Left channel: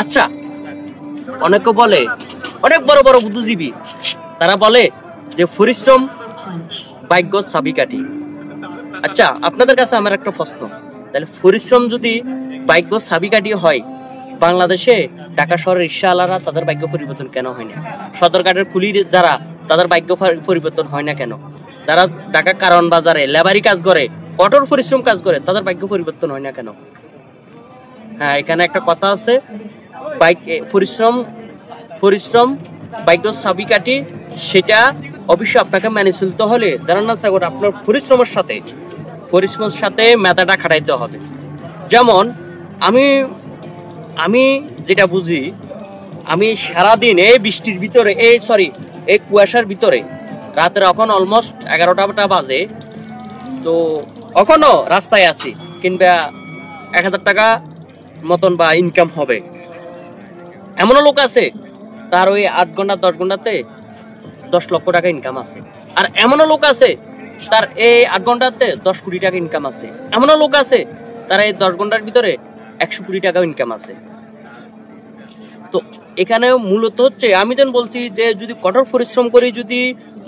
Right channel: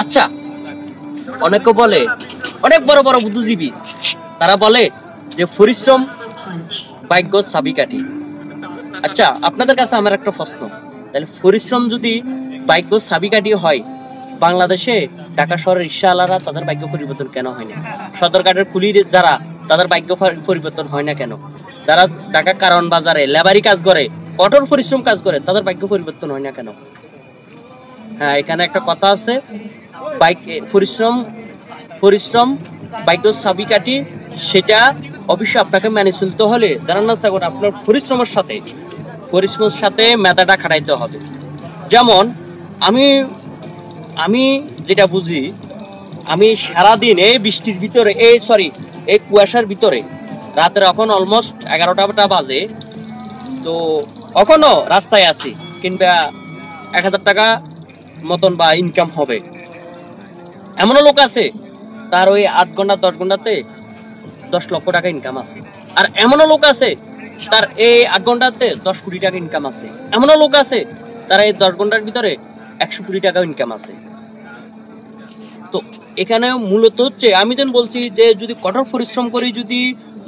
আচ্ছা, অনেকে বলে, অনেক বড় বড় বুদ্ধিজীবী তারা বলে যে পরিশ্রম ভাগ্য চাবিকাঠি। আচ্ছা, আপনাদের কাছে আমার একটা প্রশ্ন, তাহলে পরিশ্রম যদি ভাগ্য চাবিকাঠি হয়, বাংলাদেশে ঢাকা শহরের রিকশাওয়ালারা তাদের ভাগ্য পরিবর্তন কেন হয় না? সদরঘাটের কুলির যারা, তাদের ভাগ্য পরিবর্তন হয় না কেন? যারা ঢাকা কারওয়ান বাজারে লেবারি কাজ করে, কঠোর পরিশ্রম কাজ করে, তাদের ভাগ্য পরিবর্তন হয় না কেন? হ্যাঁ, এখানে একটা কথা আছে, পরিশ্রম পরিশ্রম ভাগ্য চাবিকাঠি, সেটা অবশ্যই আপনাকে মেনে চলতে হলে জানার চেষ্টা করে আপনার পরিশ্রমের সাথে মেধাটা খাটাইতে হবে। যেমন আমি আমি যেটা বুঝি, আমি সারাদিন এই বৃষ্টির ভিতরে, এই কুয়াশার ভিতরে, রাতের এখন অলমোস্ট 11টা বাজে, তো এখনো রাস্তায় আছি, কিংবা 1000 টাকা মতন বা ইনকাম হবে। এমনও লোক আছে তার ওই 8 ঘন্টা 10 ঘন্টাতে 10 লক্ষ টাকা ইনকাম আছে। আর এমনও লোক আছে তার এই 8 ঘন্টাতে 10 কোটি টাকা ইনকাম আছে। এমনও লোক আছে তার এই 10 ঘন্টার ভিতরে 100 কোটি টাকা ইনকাম আছে। তো এখানে মূলত হচ্ছে, আমি যেন বলছি যে যদি কঠোর পরিশ্রম করে যদি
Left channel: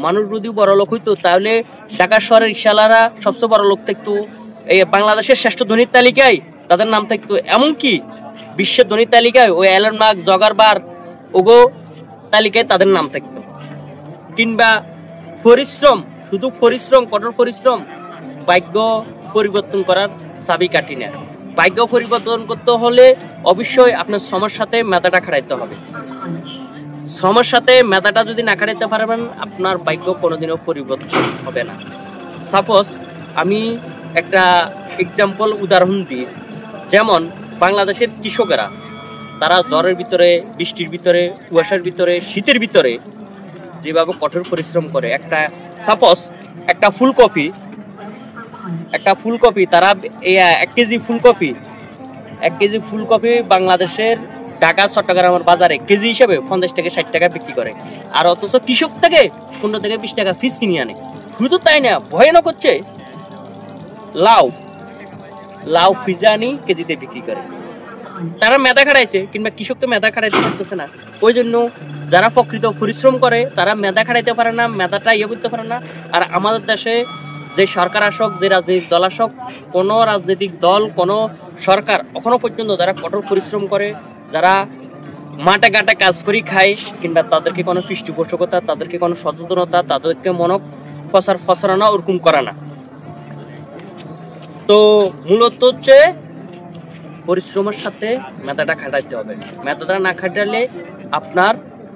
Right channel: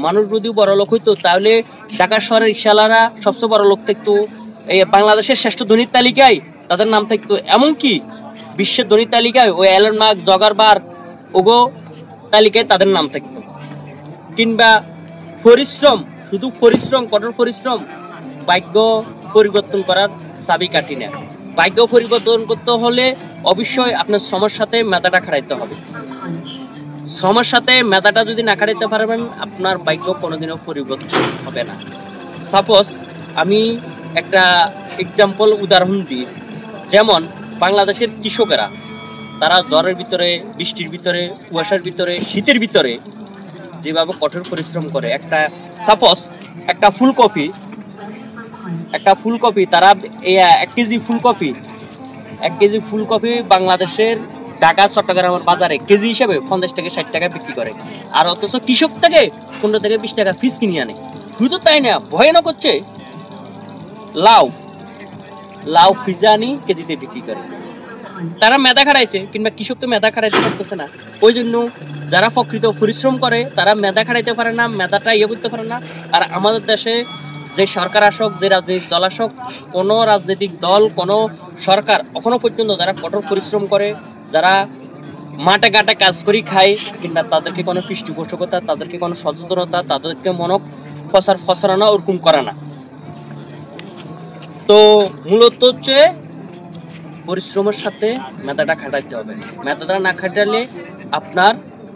মানুষ যদি বড় লোক হইতো, তাহলে ঢাকা শহরের রিকশাওয়ালারা সবচেয়ে বড় লোক থাকতো, এই বাংলাদেশের শ্রেষ্ঠ ধনীর তালিকায় তাদের নাম থাকতো, এমনকি বিশ্বের ধনীর তালিকায় ওই এলন মাস্ক, জুকারবার্গ ওগো তালিকায় তাদের নাম থাকতো। কিংবা পরিশ্রম, শুধু পরিশ্রম, কঠোর পরিশ্রম ভাগ্য পরিবর্তন করার চাবিকাঠি না। ভাগ্য পরিবর্তন করতে হলে অবশ্যই আপনার শ্রমের সাথে মেধাটা খাটাইতে হবে। শ্রমের সাথে মেধাটা যদি না খাটাইতে পারবেন, আপনার ভাগ্য কোনোদিনও পরিবর্তন হবে না। সাপোজ আমি একটা উদাহরণ দিই, যেমন বাংলাদেশের কৃষকেরা, তারা জ্বরের ভিতরে, বৃষ্টির ভিতরে, কুয়াশার ভিতরে, শীতের ভিতরে যেভাবে কঠোর পরিশ্রম করে, একটা ফুলকপি তারা 1 কেজি ফুলকপি বাংলাদেশের ঢাকা চট্টগ্রামের বাজারে কেজি হিসেবে 50 থেকে 60 টাকা বিক্রি করে। আর অথচ কৃষক থেকে 15 থেকে 20 টাকা ফিস কিনে আনে। শুধু তাই না, ভয়ানক হচ্ছে লাউ ফিজানি কেজিতে বিক্রি করে। তারা মেধা খাটাইছে, কিংবা কৃষক তো মেধা খাটাইতে পারতেছে না। ওই জন্য যারা প্রকৃত পরিশ্রম করে তারা মেধা খাটাইতে পারে না, মেধাটা করতে পারে না। আর আমাদের দেশে যে সরকার আসক, যে রাজনৈতিক দল আসক, কোনো রাজনৈতিক দল, কোনো সরকার এখনো পর্যন্ত যারা কঠোর পরিশ্রম করে, যারা মাঠে ঘাটে কাজ করি খায়, কিংবা তাদেরকে কোনো পৃষ্ঠপোষকতা, তাদেরকে কোনো সচেতনতা, তাদেরকে মনক ফসরানো ওরকম করে না। তো মূলত হচ্ছে পরিশ্রমের সাথে মেধাটা খাটাইতে হবে। মেধাটা না খাটালে আপনার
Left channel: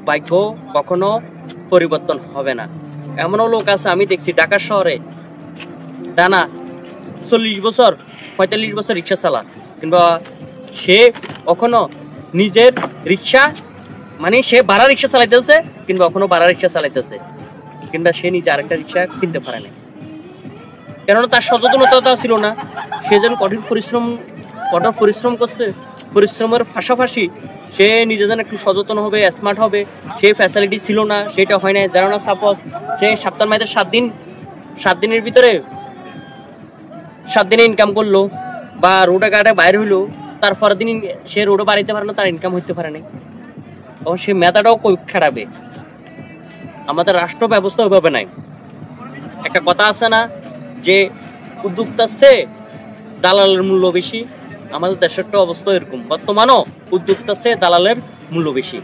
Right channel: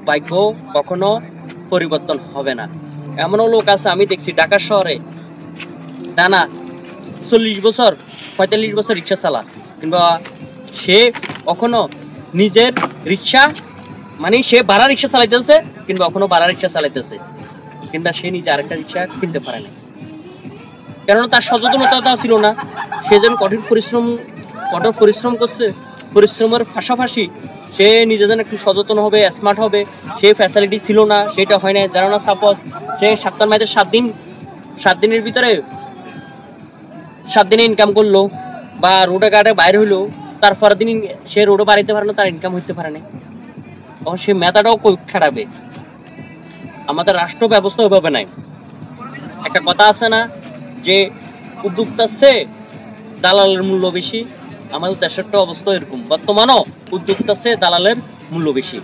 ভাগ্য কখনো পরিবর্তন হবে না। এমনও লোক আছে আমি দেখছি ঢাকা শহরে টানা 40 বছর 45 বছর রিক্সা চালা, কিংবা সে কখনো নিজের রিক্সা, মানে সে ভাড়া রিক্সা চালাইতেছে, কিংবা কখনো ভাড়া রিক্সা চালাইতেছে, কিংবা সে নিজে আরেকটা রিক্সা কিনতে পারে না, কেননা তার সচেতনতা ছিল না। সে যেন কঠোর পরিশ্রম করছে, পরিশ্রমের পাশাপাশি সে নিজে যেন একটু সচেতন হবে, স্মার্ট হবে, সেই ফ্যাসিলিটি ছিল না, সেটা হয় না। যেন না সাপোজ সে সপ্তাহের মাঝে 7 দিনের ভিতরে 7 দিনে ইনকাম করলো, বা রোডে ঘাটে বাইরে হইলো, তারপরের দিন সে রোডে বাড়িতে পারে না, তার ইনকাম হইতে পারে না, তখন সে মেধাটাও কই খাটাবে? আমাদের রাষ্ট্র ব্যবস্থা ওইভাবে নাই। একটা কথা আছে না যে উদ্যোক্তার চেয়ে দালালের মূল্য বেশি? আমাদের দেশের অবস্থা এরকম, বর্তমানও উদ্যোক্তার চেয়ে দালালের মূল্য বেশি।